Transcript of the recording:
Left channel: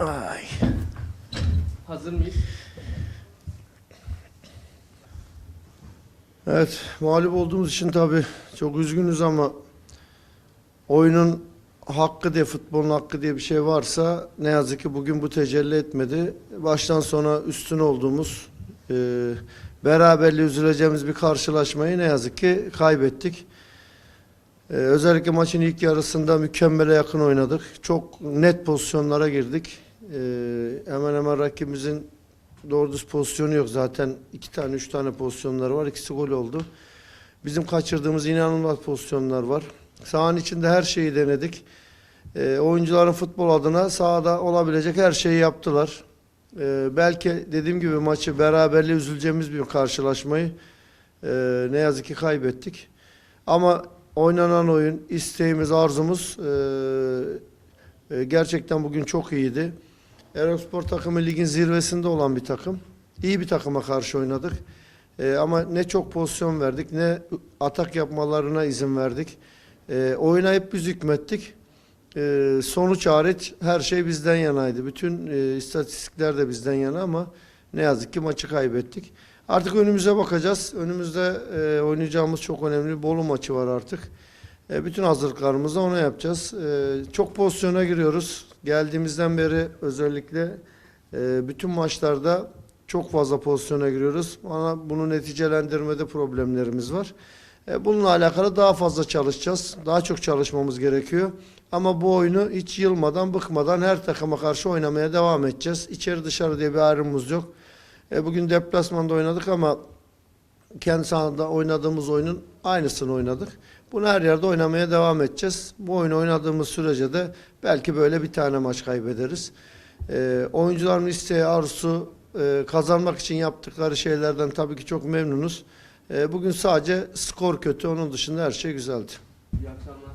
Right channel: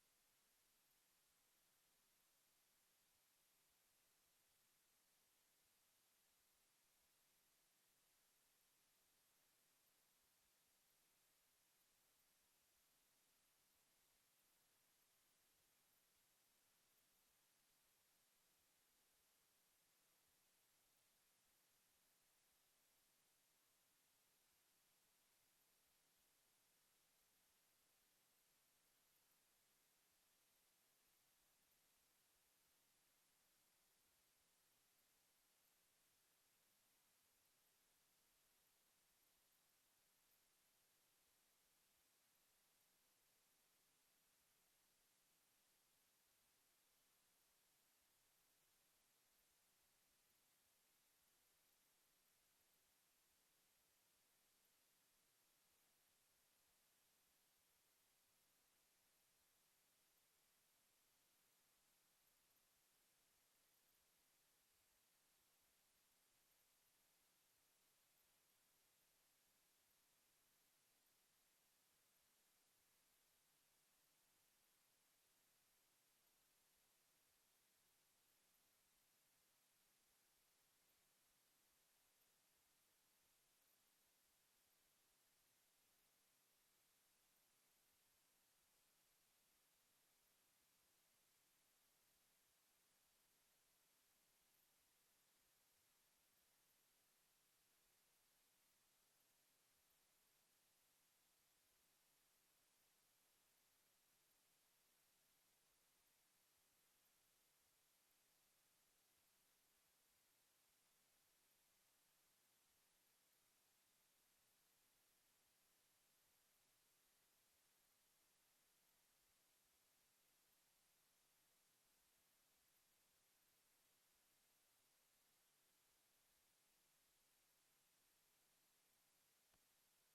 Ay. Hazır mıyız? Evet, mağlup olduğumuz için tabii çok üzgünüz ama oyunun hakkı diye, futbolun hakkı diye bir şey varsa ne yazık ki bugün bu tecelli etmedi. Baştan sona üstün olduğumuz, e, beraberliği üzüleceğimiz bir karşılaşmayı ne yazık ki kaybettik. E, özellikle maçın ilk yarısında mükemmele yakın oynadık. Çok net pozisyonlara girdik. E, hemen hemen rakibimizin doğru düz pozisyonu yok. Zaten iki tane, üç tane pozisyonları var. İkisi gol oldu. Bizim kaçırdığımız inanılmaz pozisyonlar var. Sahanın içinde her şeyi denedik. E, oyuncuların futbol adına sahada olabilecek her şeyi yaptılar. E, belki dediğim gibi maçı beraberliğe üzüleceğimiz bir karşılaşmayı e, ne yazık ki kaybettik. Ama oynanan oyun, isteğimiz, arzumuz e, e, gerçekten bugün çok iyiydi. Erosspor takımı ligin zirvesinde olan bir takım. İyi bir takıma karşı oynadık. Ee, ama ne çok pozisyon verdik ne atak yapmalarına izin verdik. Ee, oyuna hep biz hükmettik. Ee, sonuç hariç her şey bizden yanaydı. Bütün e, istatistikler de bizden yana ama ne yazık ki maçı kaybettik. Artık önümüze bakacağız. Önümüzde e, oynayacağımız çok önemli Bolu maçı var artık. E, bütün hazırlıklarımızı ona yapacağız. E, çok pozisyona giriyoruz. Geldiğimizden beri özellikle e, bütün maçlarda çok fazla pozisyona giriyoruz. Ama bunu neticelendirmede problemlerimiz var. E, bununla alakalı daha fazla çalışacağız. Daha çok çalışmamız gerekiyor. Ama bu oyunu hiç yılmadan, bıkmadan her takıma karşı oynamaya devam edeceğiz. İçeri dışarı diye bir ayrımımız yok. E, bugün deplasmanda oynadık ama kendi sahada oynadığımız oyunun aynısını oynadık. Bunu her yerde oynamaya devam edeceğiz. Bu oyunu oynadığımız sürece de belki böyle bir tane maç kaybederiz. Ee, oyuncuların isteği, arzusu, e, kazanmak için yaptıkları şeylerden tabii ki çok memnunuz. Ee, bugün sadece skor kötü, onun dışında her şey güzeldi. İyi akşamlar.